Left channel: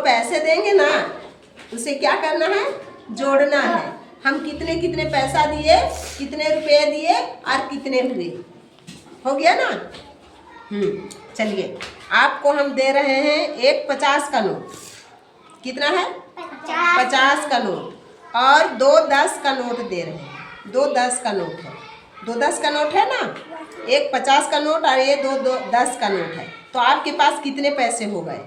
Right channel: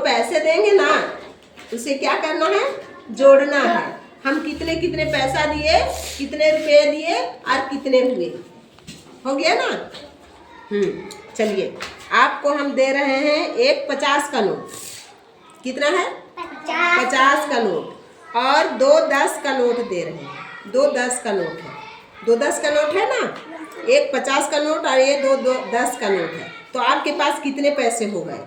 पैसे देंगे ना, उसे क्या करना है, जोड़ना है। हम कितने कितने पैसा दिए, कितने रुपए दिए और कितने हुए, हो गया ना। चलिए आपको हम दे रहे हैं एक 50 का नोट। कितना है? 50 का नोट और 2 10 का नोट दे रहे हैं। 2 10 का नोट है, 2 10 का नोट है ना। एक 50 का नोट और ये 2 10 का नोट है। तो आपके पास कितने पैसे हो गए?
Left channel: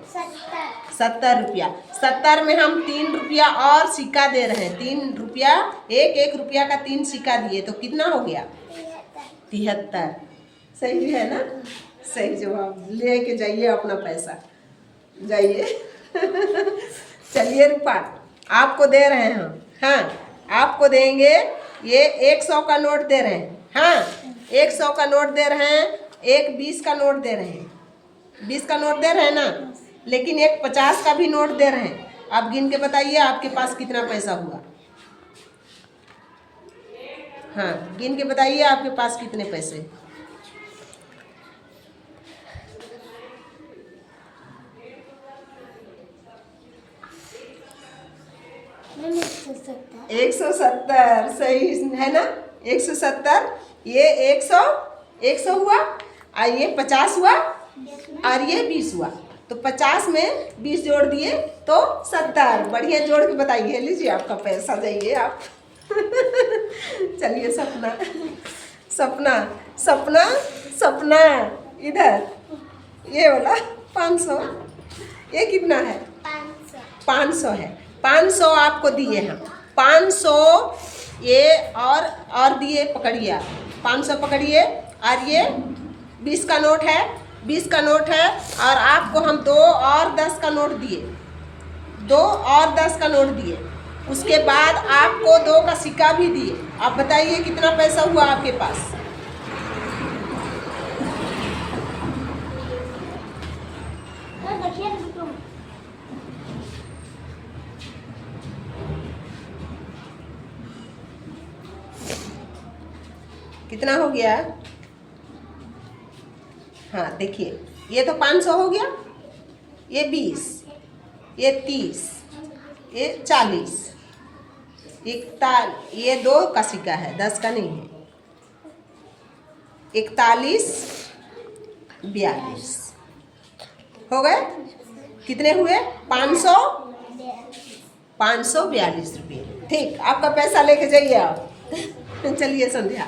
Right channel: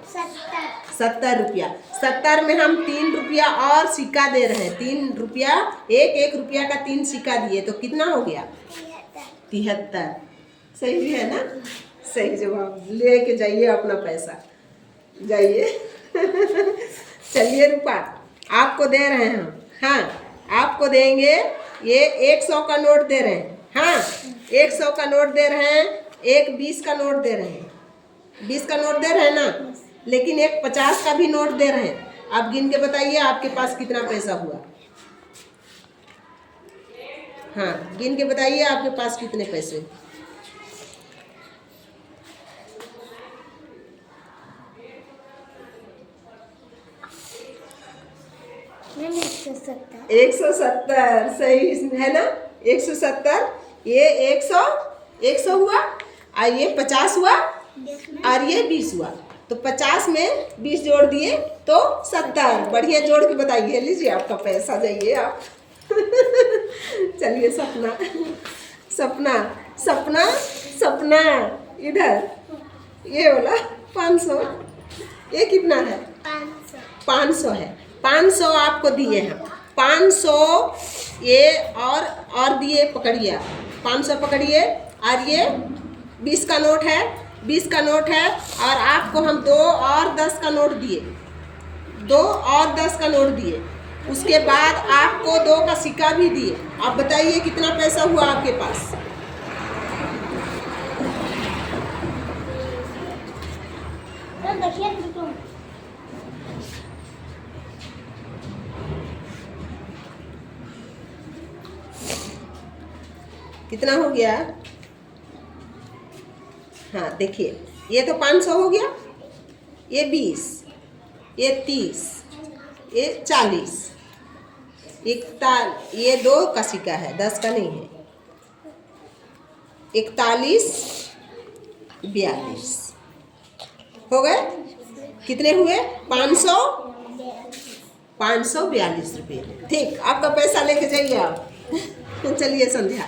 70 रुपया। 70 में हम 3 रुपया और सिक्का दे रहे हैं। 3 रुपया, एक रुपया का 3 सिक्का दिए तो कितना हो गया? 73। सही है ना? सही जवाब। लेके जाइए अपना पैसा, जाइए। चलिए रूपा आपको दे रहे हैं हम। हाँ, आपको देंगे ये 100 का नोट दे रहे हैं। हाँ, 100 का नोट दे रहे हैं, एक 20 का नोट दे रहे हैं। 20 का नोट दे रहे हैं ना, लेकिन एक 50 का भी नोट दे रहे हैं। आप गिन के बताइए आपके पास कितना पैसा हुआ। हाँ, गिन के बताइए आपके पास कितने पैसे। मैंने 170। 170 सही है ना। 170, ये 100 हुआ और ये 50 हुआ और ये 20 हुआ। तो 50 में 20 जोड़ दिए तो 70। बढ़िया जोड़ के बताइए। लीजिए आपका पैसा, जाइए आप। चलिए सपना, सपना, सपना, सपना इधर, ये वाला 500। ये कितना है? 500 है। 500 आपको दिए हैं। 500 ये और दिए, पकड़िए। 500 पकड़िए और ये 20 का नोट है, 20 का नोट है और आपको हम 2 और 10 का नोट दिए। 2 और 10 का नोट दिए। उसके बाद आपको 2 का सिक्का भी दिए। आप बताइए कितना पैसा हुआ आपके पास? कितना हो गया? हाँ देखिए, ये तो 500 हो गया, ये 20, ये 30, ये 40, ये 2 का सिक्का है, 10 का नहीं है। 41, 42 हो गए। कितने हुए? 542 रुपये। ठीक, आपका पैसा लेके जाइए आप। चलिए संध्या,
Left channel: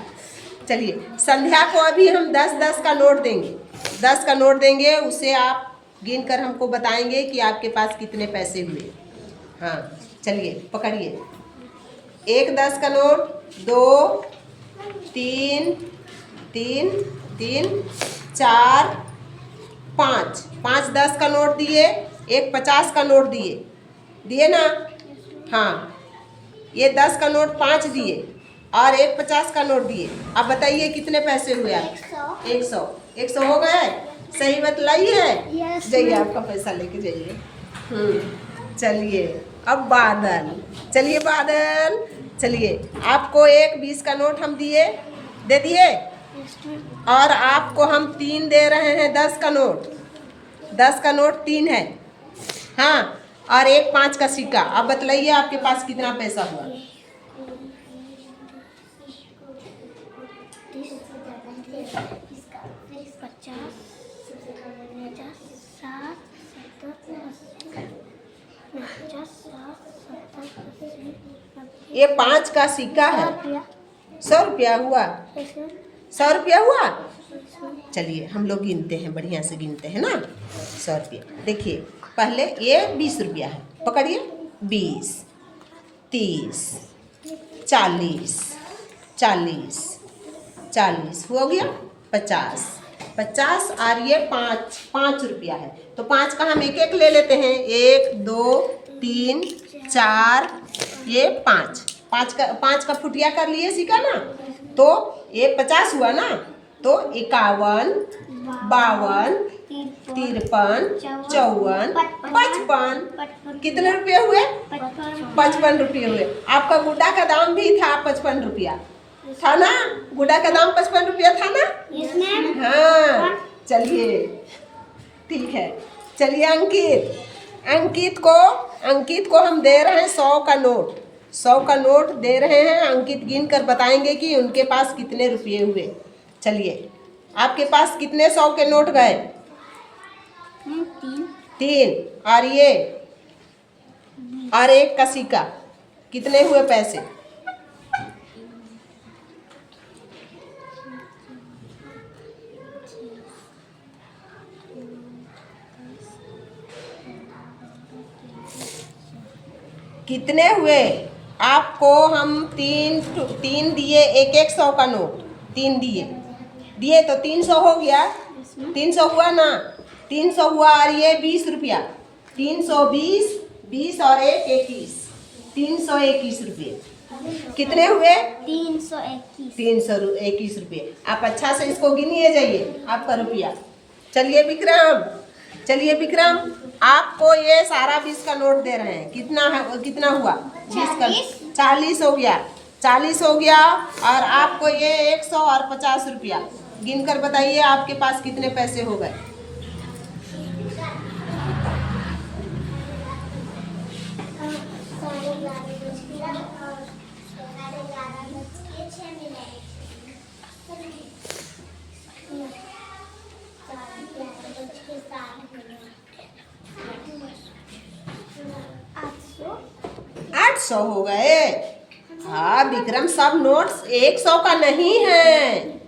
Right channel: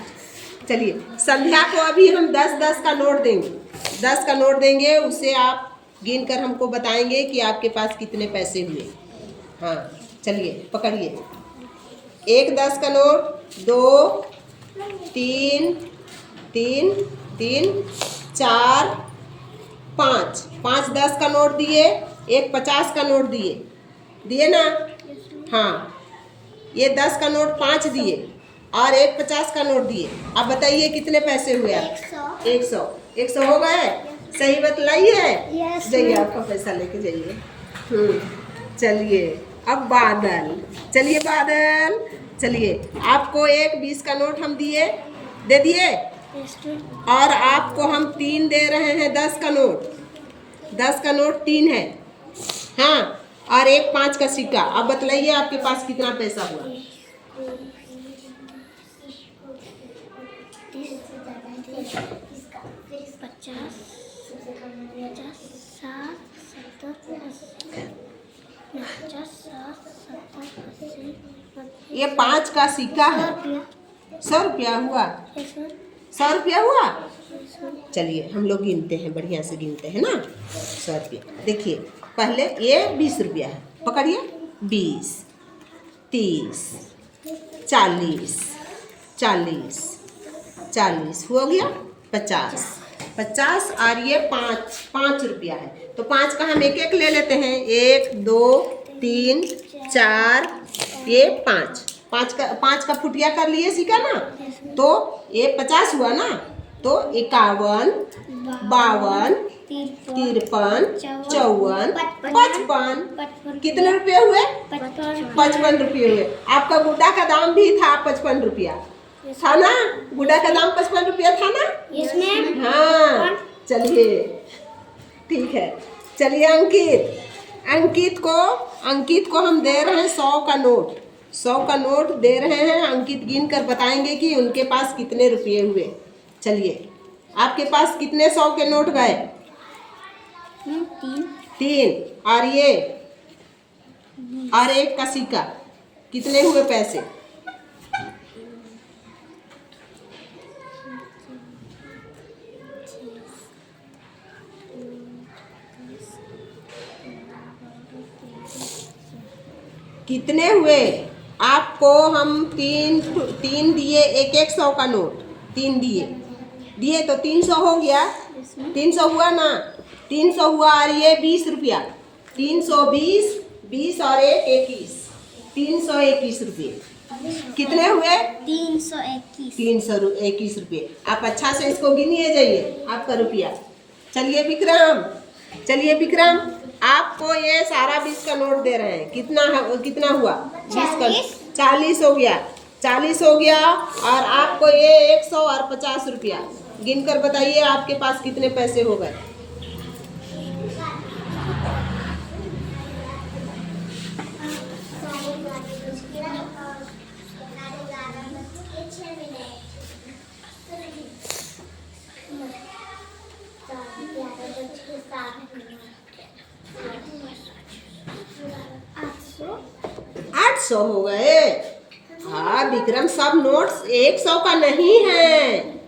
चलिए संध्या को अभी हम 10-10 का नोट देंगे। 10 का नोट देंगे, उसे आप गिन कर हमको बताएंगे कि आपके पास कितने पैसे हुए। हाँ चलिए पकड़िए। एक 10 का नोट, 2 3 3 3 4 5 5 10 का नोट दिए, एक 50 का नोट दिए ना। हाँ, ये 10 का नोट 5 दिए और एक 50 का नोट दिए। आप बताइए कितने पैसे हुए? 100 हो गए। सही बतलाइए। जाइए आपका पैसा लेके जाइए। चलिए अब बादल, चलिए बादल, चलिए आपको एक 20 का नोट हम दे दिए और आपको हम 3 दे रहे हैं। 10 का नोट, 10 का नोट 3 है। हाँ, और एक 5 का सिक्का। अब बतलाइए आपके पास कितना पैसा हुआ? 50, ये 5 का सिक्का है। 100 रुपया हुआ। 100 रुपया हुआ। चलिए हम लोग गिनते हैं, बढ़िया से गिनते हैं ना। 100 रुपया देखिए, पहले ये 20 रुपया है, पकड़िए। 20 30 40 40 40 हो गया। 50 और ये 5 रुपया है। तो 5 का हम एक ले लेते हैं। 1 2 3 4, ये 5 का फुटिया कर लिए सिक्का ना। तो ये 50 हुआ ना। तो 51 52 53 54 55 कितने रुपये हुए? 55 रुपये हुए। आपका गुड्डा का दाम भी था 55 रुपया, था ना। गुड्डा का दाम 55 रुपया था ना। Yes ma'am. हाँ चलिए ठीक है। चलिए अंकित, अंकित को हम दे रहे हैं 100 का नोट। 100 का नोट दे रहे हैं। अंकित गिन कर बताएंगे कि उनके पास कितने रुपये हुए। चलिए, आपके पास कितने 100 के नोट गए? 3। और ये और एक का सिक्का, कितने हुए पैसे? कितने हुए? आपको हम तीन दिए, एक 100 का नोट 3 दिए तो 300 हो गया। 300 हुआ ना? 300 हुआ। और ये 20 रुपया, 320, 20 और 1 21, 321 रुपये। कितने हुए? 321। 321 रुपये। आप अच्छा से इसको गिनिए जाइए आपका रुपया। चलिए विक्रम, आपको ये सारा 20 का नोट दे रहे हैं। कितना हुआ? 20 का 40 हो गया। 40 हो गया। और आपको ये 100 और 50 रुपया। गिन कर बताइए आपके पास कितने पैसे हो गए? आठ सौ हो गए। हाँ विक्रम, सब नोट्स 100 का नहीं है।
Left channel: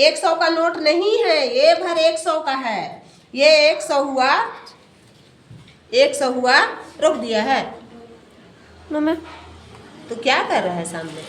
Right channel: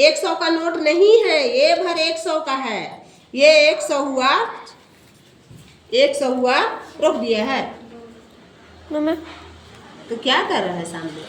100 का नोट नहीं है, ये भर 100 का है। ये 100 हुआ, 100 हुआ। रोक दिया है मम्मा। तो क्या कर रहा है सामने?